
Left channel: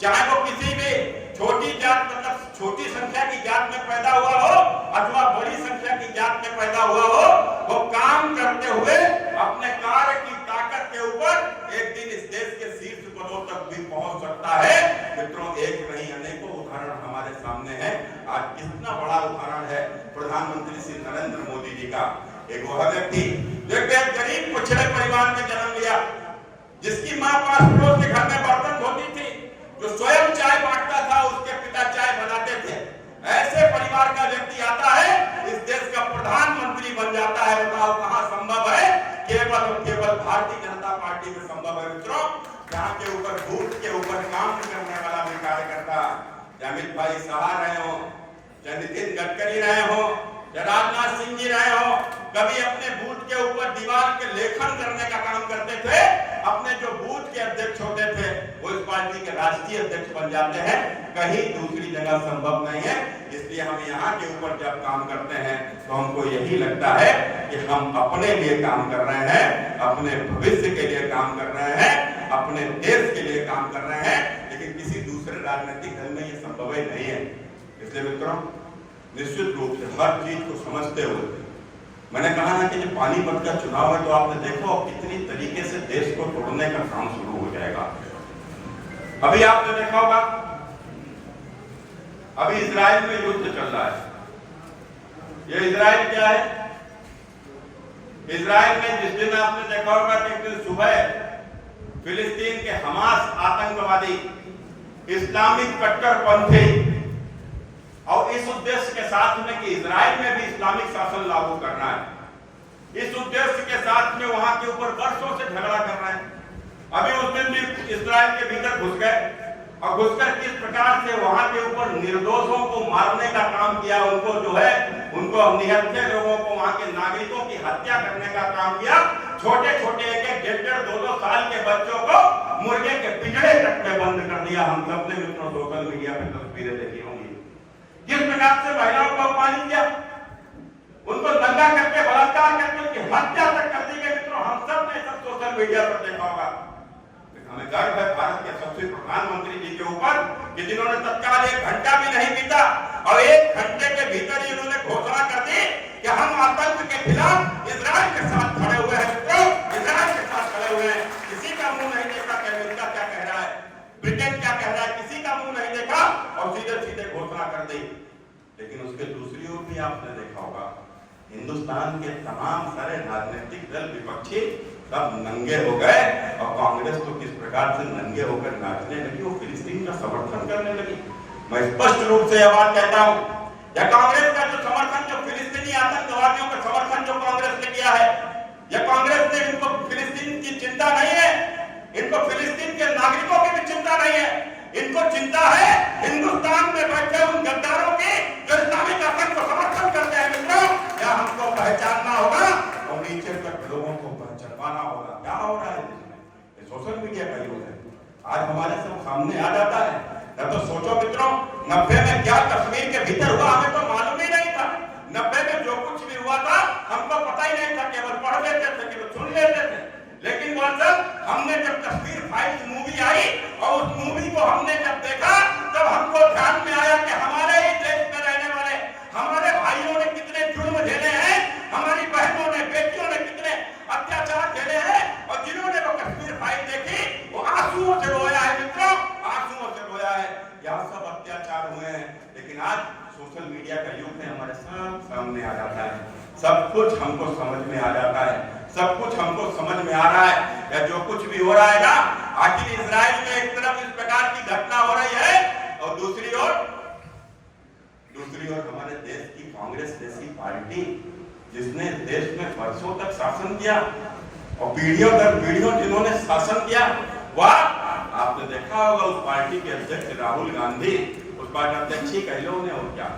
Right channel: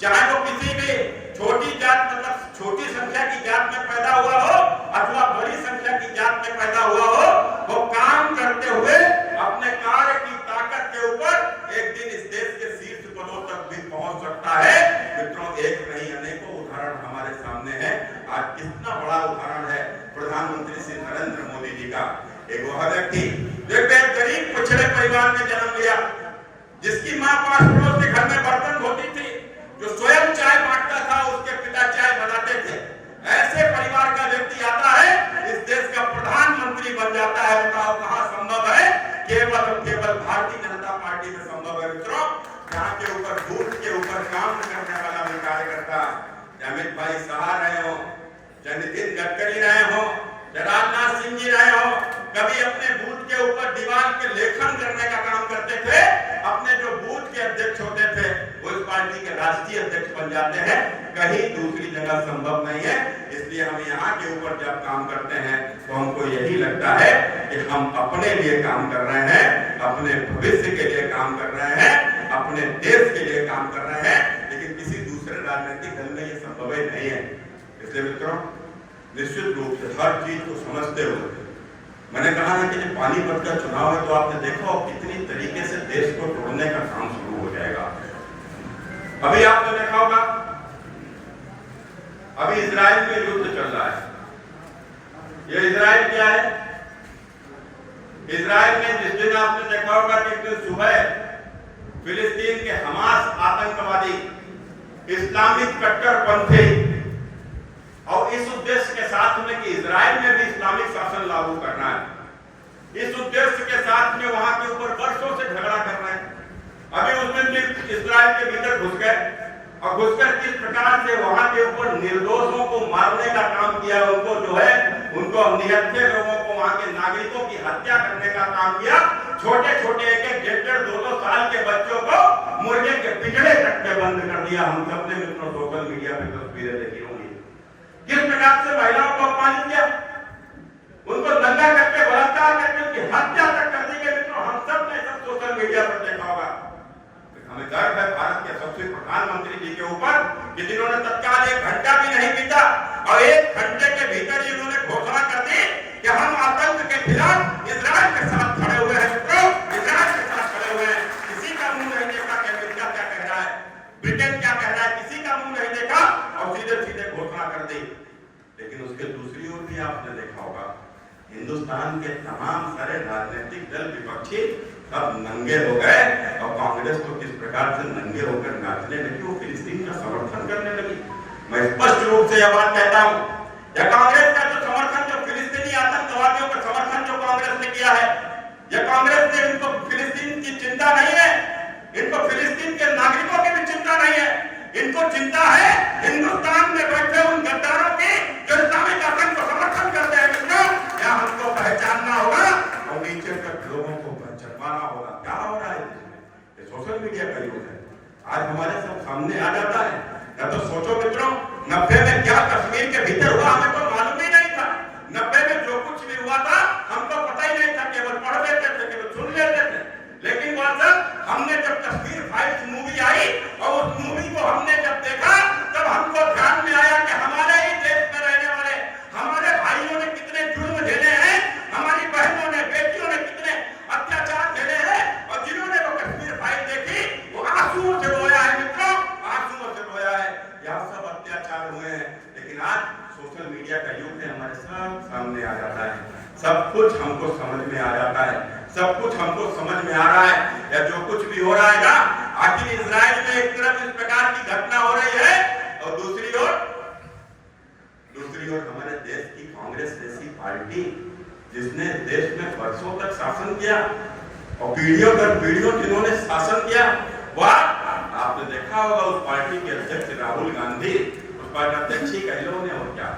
चाहे वो किसी भी छोटी जात, मतलब छोटी संख्या की जात में पैदा हुआ हो, अथवा बड़ी संख्या की जात में पैदा हुआ हो, वो काम करते हुए अपने कार्य की ताकत के ऊपर एक दिन इस देश के शीर्ष पदों तक भी पहुंच सकता है। मित्रों, एक नहीं अनेकों उदाहरण हमारे सामने है। आज कितना बड़ा उदाहरण है प्रधानमंत्री श्री नरेंद्र मोदी जी का, एक वह व्यक्ति जो एक गरीब पिछड़े परिवार में जन्म लिया, जिसकी मां 5 पड़ोस के घर में बर्तन धोती थी, जो स्वयं चाय बांटता था, उसके पिता चाय बनाते थे। ऐसे परिवार का व्यक्ति आता है, इस देश का प्रधानमंत्री बन जाता है। बताओ कहां संभव है? केवल केवल भारतीय जनता पार्टी में संभव है मित्रों, जहां के ऊपर बूथ के ऊपर काम करने वाला भी कार्यकर्ता, अमित भाई शाह रहे हो, नितिन गडकरी रहे हो, राजनाथ सिंह जी रहे हो, कभी अपने बूथ के ऊपर दीवार के लेखन करने का काम करते थे। अपने जो बूथ के अध्यक्ष होते थे वो इस पार्टी के राष्ट्रीय अध्यक्ष बन जाते हैं। कहीं दूसरी जगह संभव नहीं है। इसलिए हम यहाँ के ऊपर जब काम करते हैं तो हमको यही लगता है कि हम अपने लिए काम कर रहे हैं, अपने भविष्य के लिए काम कर रहे हैं, अपने देश के लिए काम कर रहे हैं, लेकिन किसी दूसरे राजनीतिक दल में ये संभव नहीं है। इसलिए मित्रों, निश्चित रूप से हर चीज को समझते हुए, मैंने कहा ना कि जब पानीपत का चुनाव है तो आपने देखो कितनी तरीके से देश को तोड़ने का काम शुरू हो जाएगा। अभी आपने देखा होगा, अभी इजराइल में युद्ध चल रहा है। ये इजराइल क्या है? इजराइल में जिस दिन आपने देखा होगा कि एक दिन सुबह फिलिस्तीन के हमास आतंकवादी, इस्लामिक कट्टरपंथी, और इस उद्देश्य के साथ में कि इजराइल में भी इस्लामिक शासन लागू करना है, इस उद्देश्य के साथ में वहां के ऊपर वर्षों से झगड़ा कर रहे हैं। अभी उस दिन भी इजराइल के भीतर घुस गए और घुसकर किस प्रकार से वहां के ऊपर निर्दोषों को मारने का काम किया, उनको जो है उनको निहत्थे लोगों को, वहां के नागरिकों की हत्या करने का काम किया। छोटे छोटे 1-1, 1.5-2 साल के बच्चों को मुर्गे के पिंजरे तक में बंद कर दिया। हम सबने मित्रों सोशल मीडिया पे तस्वीरें देखी होंगी किस प्रकार से महिलाओं को अपमानित किया, उनको दंगा करके, बलात्कार करके उनकी हत्या तक कर दी गई। मित्रों, हम सब ने सब सोशल मीडिया पर देखा होगा। हमें गर्व है भारत के सबसे प्रधानमंत्री जी के ऊपर कि जिन्होंने तत्काल 1 घंटा भी नहीं बीता और 1 घंटे के भीतर ही उन्होंने घोषणा कर दी कि हम आतंक के खिलाफ इजराइल के साथ खड़े हुए हैं। मित्रों, इजराइल के साथ खड़े हुए हैं। किसी का मुंह नहीं देखा कि अमेरिका क्या कह रहा है, ब्रिटेन क्या कह रहा है, किसी का मुंह नहीं देखा और सीधे सीधे घोषणा कर दी। लेकिन उसके दूसरी ओर भी आपने देखा होगा, हिंदुस्तान के तमाम सारे राजनीतिक दल, विपक्षी सब नंगे हो गए और कांग्रेस तो किस प्रकार से नंगे होकर नाचने लगी, वो फिलिस्तीन का समर्थन करने लगी। मैं स्पष्ट रूप से यह बात कहता हूं, यह कांग्रेस का जो समर्थन, जो फिलिस्तीनी आतंकवादियों का समर्थन जो कांग्रेस ने किया है, यह कांग्रेस ने, इनको फिलिस्तीन की चिंता नहीं है, इनको फिलिस्तीन के नागरिकों की भी चिंता नहीं है, इनको चिंता है हिंदुस्तान में बैठे उन गद्दारों की जो इस्लामिक आतंक को समर्थन करते हैं। मित्रों, यह हमको पहचानना होगा और नीचे तक लोगों को पहचानना होगा। क्या हो रहा है ये सोशल मीडिया का युग है, आज हमारे सब सामने आ जाता है। न तो सोचो मित्रों, 90 में क्या कश्मीर के भीतर हुआ हमें तो मालूम ही नहीं था। 90 में जो कुछ भी हुआ था हमको पता ही नहीं था, केवल पढ़ लेते थे, केवल सुन लेते थे। लेकिन हमने जब कश्मीर फाइल्स मूवी आई और उस मूवी को हमने जब देखा, तब हमको ध्यान में आया कि हमारे ही देश में रहने वाले हमारे भाइयों ने कितने जुर्म झेले हैं, हमारी बहनों ने, बेटियों ने कितने अत्याचार झेले हैं। और जिन्होंने वो कश्मीर फाइल देखी वो आंसुओं से रोया है। मित्रों, आंसुओं से रोया है। यह सब अत्याचार हुए हैं, लेकिन आज सोशल मीडिया का युग है, हमारे सब सामने आ जाता है, सब कुछ हमको समझ में आ जाता है, सब कुछ हमको समझ में आ रहा है। या जो कुछ भी हो रहा है ना, आखिर इजराइल में एक तरफ इस प्रकार की घटना हो रही है और दूसरी ओर हमारे देश की कांग्रेस जैसी पार्टी, जिसने देश में वर्षों तक शासन किया और पीढ़ियों दर पीढ़ियों जिन्होंने शासन किया, वह आपने देखा होगा उस पार्टी के अध्यक्ष राहुल गांधी, उस पार्टी अध्यक्ष ही कह लो उन्हें, और क्या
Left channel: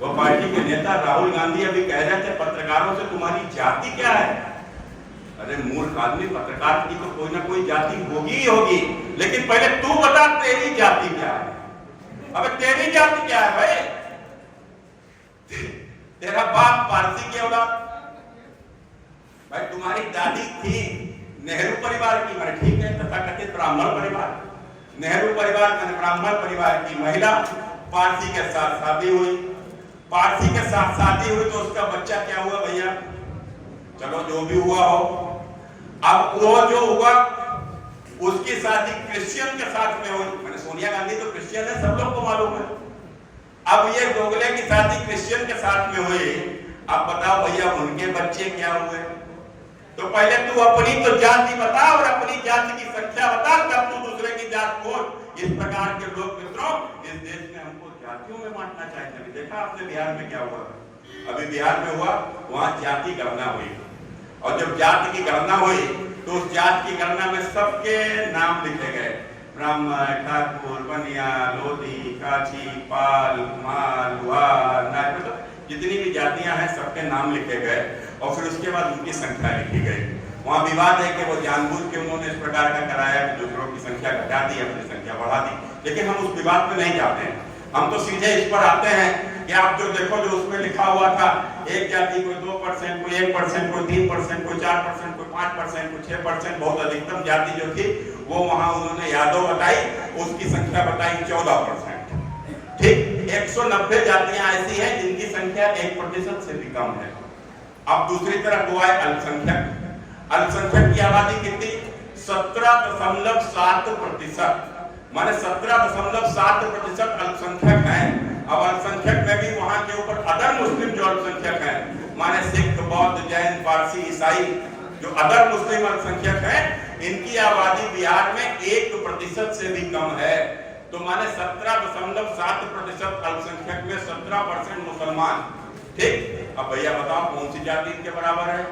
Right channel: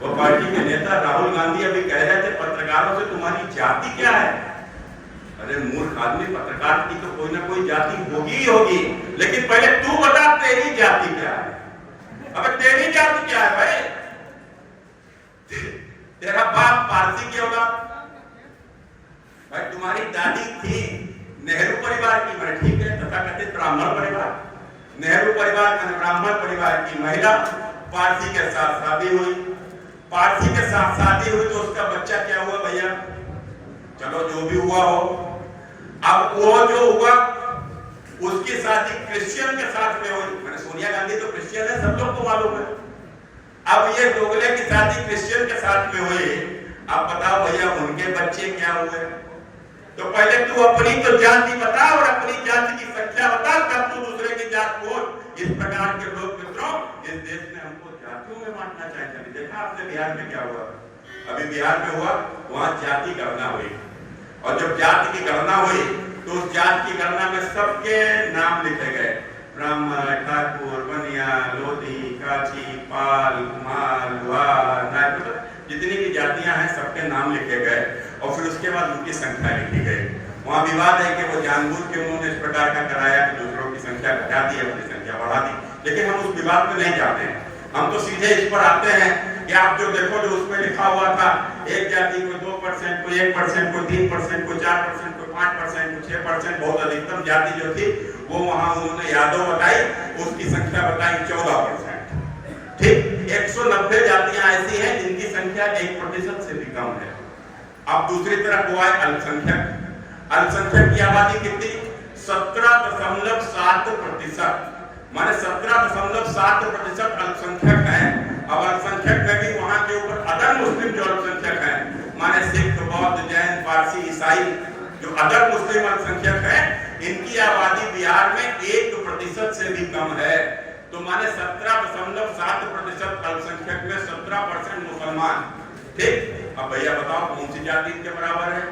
वो पार्टी के नेता राहुल गांधी अभी कह रहे थे पत्रकारों से, तुम्हारी जाति क्या है? अरे मूर्ख आदमी, पत्रकार की तो कोई ना कोई जाति होगी ही होगी, लेकिन पहले तू बता तेरी जाति क्या है। अबे तेरी जाति क्या है भाई? तेरा बाप पारसी की औलाद, भाई तुम्हारी दादी थी नेहरू परिवार की, मैंने ठीक है, तथाकथित ब्राह्मण परिवार, नेहरू परिवार का ब्राह्मण परिवार की महिला पारसी के साथ शादी हुई, पारसी के साथ शादी हुई तो उसका बच्चा क्या हुआ भैया? चलो जो भी हुआ हो, अब वो जो हुआ उसकी शादी क्रिश्चियन के साथ में हुई। मैंने सोनिया गांधी तो क्रिश्चियन है, सब लोग को मालूम है। अब ये दोगले की शादी क्रिश्चियन के साथ में हुई अब बताओ भैया उनके बच्चे क्या हुए? तो पहले तू अपनी तो जाति बता और अपनी जाति की संख्या बता, तब तू दूसरे की जात खोज। इस प्रकार के लोग मित्रों इस देश में हमको जातियों में बांटना चाहते हैं। देखा आपने बिहार में क्या हुआ? अभी बिहार में हुआ, वहां जाति गणना हुई, और जब जाति की गणना हुई तो उस जाति की गणना में सबके नाम लिखे गए, ब्राह्मण, ठाकुर, बनिया, लोधी, काची, पाल, कुमार, लुहार, नायक, जितनी भी जातियां हैं सबके नाम लिखे गए, और फिर उसके बाद उनकी संख्या लिखी गई। वहां विवाद है कि वो जानबूझ के उन्होंने इस प्रकार का कराया कि दूसरों की संख्या घटा दी, अपनी संख्या बढ़ा दी, लेकिन हम उस विवाद में नहीं जाते हैं। हम तो सीधे इस पर आते हैं कि आप जो देखो, जो उसमें लिखा हुआ था, एक जाति को 2%, कोई 1%, कोई 3%, कोई 4%, कोई 5%, कोई 6%, बहुत अधिकतम जाति जो थी वो वहां उन्होंने यादव बताई, उसकी संख्या बताई 14%। ठीक, 190 जातियां ऐसी हैं जिनकी संख्या 1% से भी कम है। अब दूसरी तरफ हुआ है अल्पसंख्यक। अल्पसंख्यक की आबादी कितनी? 17.7%, माने 17.7% अल्पसंख्यक है। अब अल्पसंख्यक में भी वहां के ऊपर अदर मुस्लिम जो अल्पसंख्यक हैं, माने सिख, बौद्ध, जैन, पारसी, ईसाई, जो अदर मुस्लिम अल्पसंख्यक हैं, इनकी आबादी बिहार में 1% से भी कम है। तो माने 17.7% अल्पसंख्यक में 17% मुसलमान। ठीक, अब भैया बताओ कौन सी जाति इनके बराबर है?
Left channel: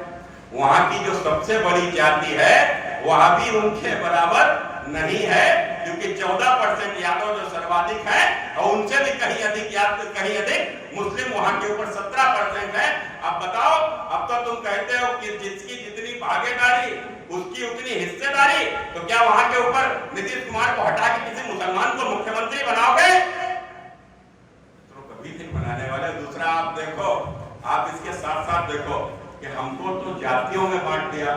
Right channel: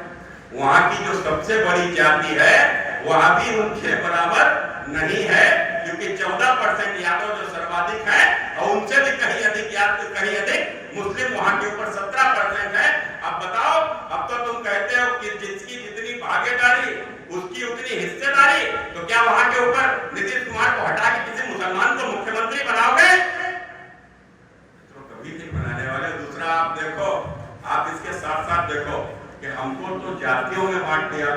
वहां की जो सबसे बड़ी जाति है वह भी उनके बराबर नहीं है, क्योंकि 14% यादव जो सर्वाधिक है, और उनसे भी कहीं अधिक मुस्लिम वहां के ऊपर 17% है। अब बताओ, अब तो तुम कहते हो कि जिसकी जितनी भागीदारी उसकी उतनी हिस्सेदारी, तो क्या वहां के ऊपर नीतीश कुमार को हटा के किसी मुसलमान को मुख्यमंत्री बनाओगे? तो कभी नहीं बनाने वाले। दूसरा आप देखो, आप इसके साथ साथ देखो कि हमको तो जातियों में बांट दिया,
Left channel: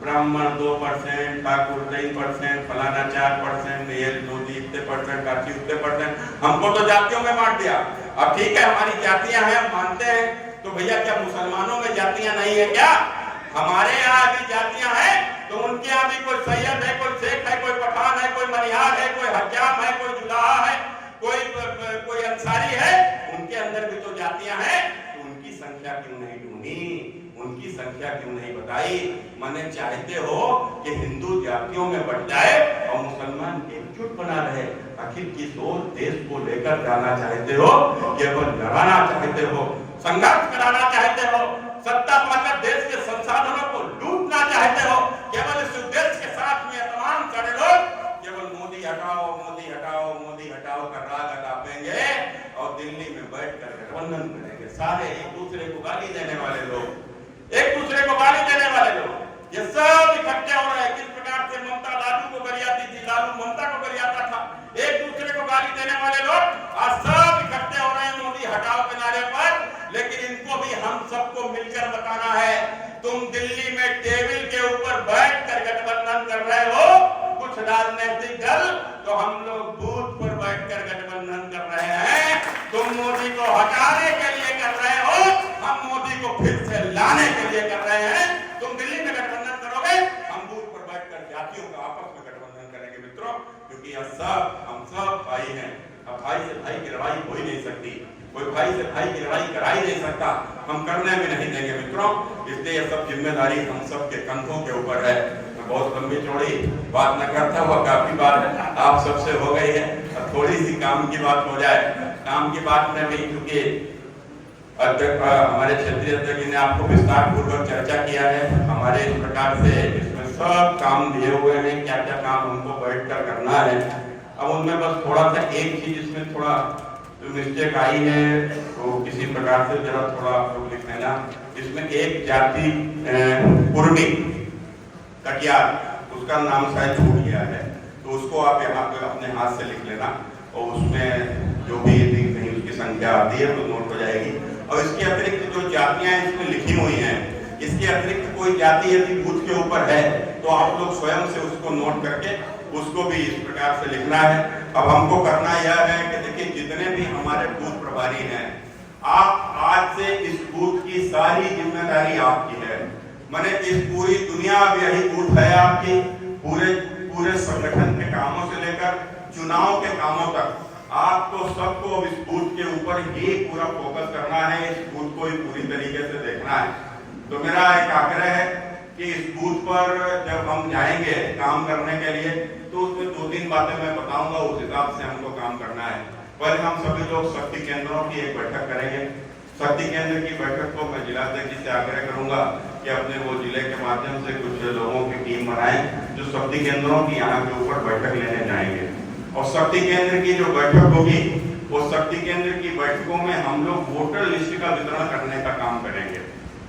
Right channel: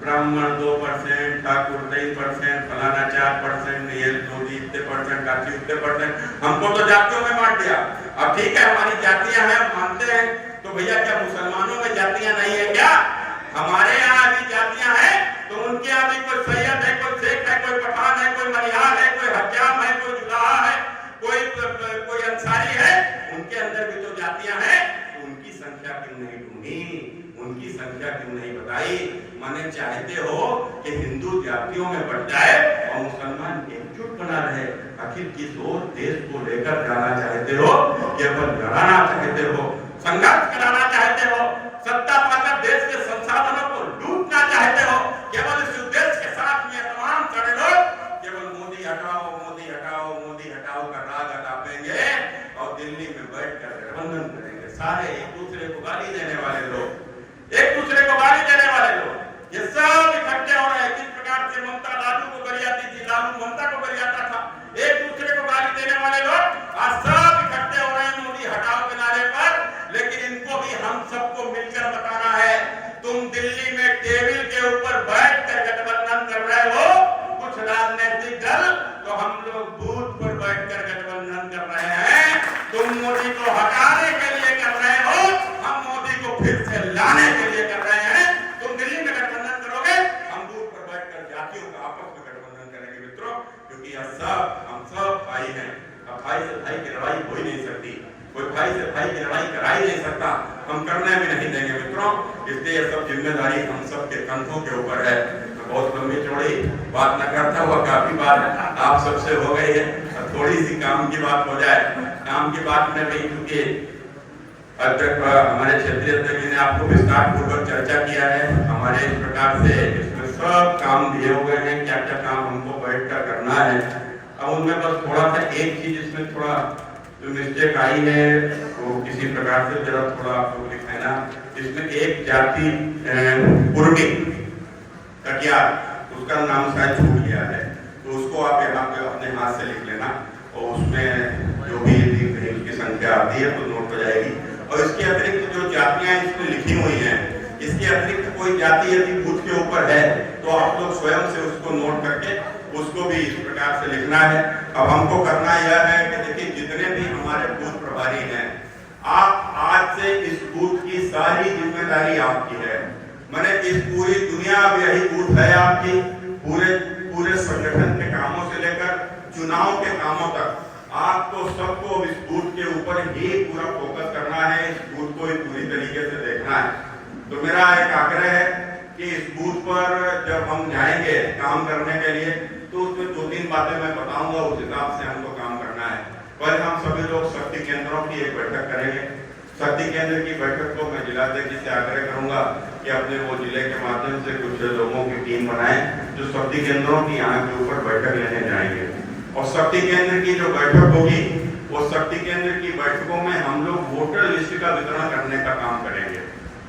ब्राह्मण 2%, ठाकुर 3%, फलाना 4%, ये लोधी इतने %, काची इतने %, हमको तो जातियों में बांट दिया। अब ठीक है, हमारी जातियां हैं, मानते हैं, तो भैया क्या मुसलमानों में जातियां नहीं है क्या? हमारे यहाँ भी जातियां हैं, तो उनके यहाँ भी कोई सैयद है, कोई शेख है, कोई पठान है, कोई मनिहार है, कोई हज्जाम है, कोई जुलाहा है, कोई अंसारी है, उनके अंदर भी तो जातियां हैं। उनकी संख्या क्यों नहीं ढूंढी? उनकी संख्या क्यों नहीं बताई? माने चाहते हो कि हिंदू जातियों में बढ़ जाए और मुसलमान एकजुट बना रहे। आखिर किस ओर देश को लेकर जाना चाहते हो? केवल लड़ाना चाहते हो, संघर्ष कराना चाहते हो, सत्ता पाकर देश के संसाधनों को लूटना चाहते हो? केवल इस उद्देश्य के साथ में तमाम सारे लोग केवल मोदी हटाओ, मोदी हटाओ, मोदी हटाओ का राग अलापेंगे और दिल्ली में बैठकर गठबंधन करेंगे। सारे एक दूसरे को गाली देने वाले लोग, एक दूसरे को गाली देने वाले लोग, ये सब इकट्ठे हो रहे हैं। किस प्रकार से ममता लालू को गरियाती थी, लालू ममता को गरियाता था, एक दूसरे को गाली देने वाले लोग आज सब इकट्ठे हो रहे हैं मोदी हटाओ के नारे पर। लेकिन इनको भी हम सबको मिलकर बताना है, तुम दिल्ली में टेबल के ऊपर बैठकर गठबंधन कर रहे हो, कुछ राजनीतिक दल, तो हम लोग बूथ पर बैठकर गठबंधन कर रहे हैं। तुम मोदी को हटाने के लिए कर रहे हो, हम मोदी को फिर से लाने के लिए कर रहे हैं। तुम दिल्ली में गठबंधन करोगे, हम बूथ पर बैठकर जातियों का आपस में गठबंधन करेंगे मित्रों, क्योंकि यह सब हम सब भाई हैं। अब भाई से भाई की लड़ाई हो ही नहीं सकती, कोई भाई से भाई की लड़ाई करा ही नहीं सकता, हम करने भी नहीं देंगे मित्रों। इसलिए सब जिम्मेदारी हम सब के कंधों के ऊपर है। बहुत लंबी चौड़ी बात न करता हुआ काफी बात आप सबसे हो गई है, अब थोड़ी सी काम की बात हो जाए। काम की बात में भी क्योंकि अध्यक्ष हमारे क्षेत्रीय अध्यक्ष ने आपको विस्तार पूर्वक चर्चा किया है, हमारे इस प्रकार से इसमें सब काम दिए हुए हैं, क्या क्या काम हमको बैठकर करना है। अब उनमें बस थोड़ा सा एक चीज इसमें थोड़ा मिस्टेक आई है, तो किसी प्रकार से जरा थोड़ा आप लोग लिख लेना। इसमें एक जाति पूर्णी कटियार, उसका नाम शायद छूट गया है, तो उसको आप यहाँ पे अपने हाथ से लिख लेना, और उसमें जो भी कहीं उसकी संख्या आती है तो नोट हो जाएगी। और इसके अतिरिक्त जो जातियां इसमें लिखी हुई हैं, इसके अतिरिक्त कोई जाति यदि बूथ के ऊपर है तो आप लोग स्वयं से उसको नोट करके उसको भी इस प्रकार से लिखना है। अब हमको करना यह है कि देखिए, जितने भी हमारे बूथ प्रभारी हैं, आप आज से इस बूथ की सारी जिम्मेदारी आपकी है। मैंने इस पूरी दुनिया में यही बूथ है आपकी, पूरे संगठन के कामों से लेकर चुनाव के कामों तक आपको सबको इस बूथ के ऊपर ही पूरा फोकस करना है, इस बूथ को ही पूरी तरीके से देखना है। तो मेरा एक आग्रह है कि इस बूथ पर जब हम जाएंगे काम करने के लिए तो उसमें 2-3 बातें मैं बताऊंगा, उस हिसाब से हमको काम करना है। पहले हम सभी लोग शक्ति केंद्रों की एक बैठक करेंगे। शक्ति केंद्र की बैठक को मैं जिलाध्यक्ष जी से आग्रह करूंगा कि अपने वो जिले के माध्यम से कुछ लोगों की टीम बनाएं जो शक्ति केंद्रों की यहाँ के ऊपर बैठक लेने जाएंगे। और शक्ति केंद्र की जो बैठक होगी वो शक्ति केंद्र की बैठकों में हम लोग वोटर लिस्ट का वितरण करने का काम करेंगे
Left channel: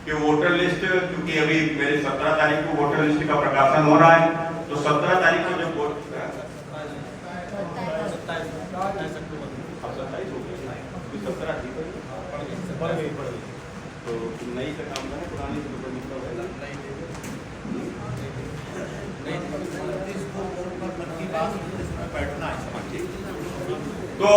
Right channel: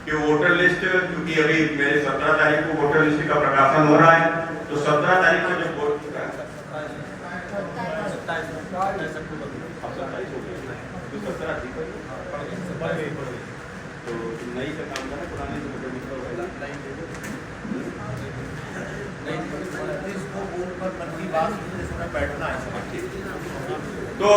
कि वोटर लिस्ट, क्योंकि अभी मेरे 17 तारीख को वोटर लिस्ट का प्रकाशन हो रहा है, तो 17 तारीख को जब वोट तो नई का काम करना, पुराने से मतलब बैठना है। तो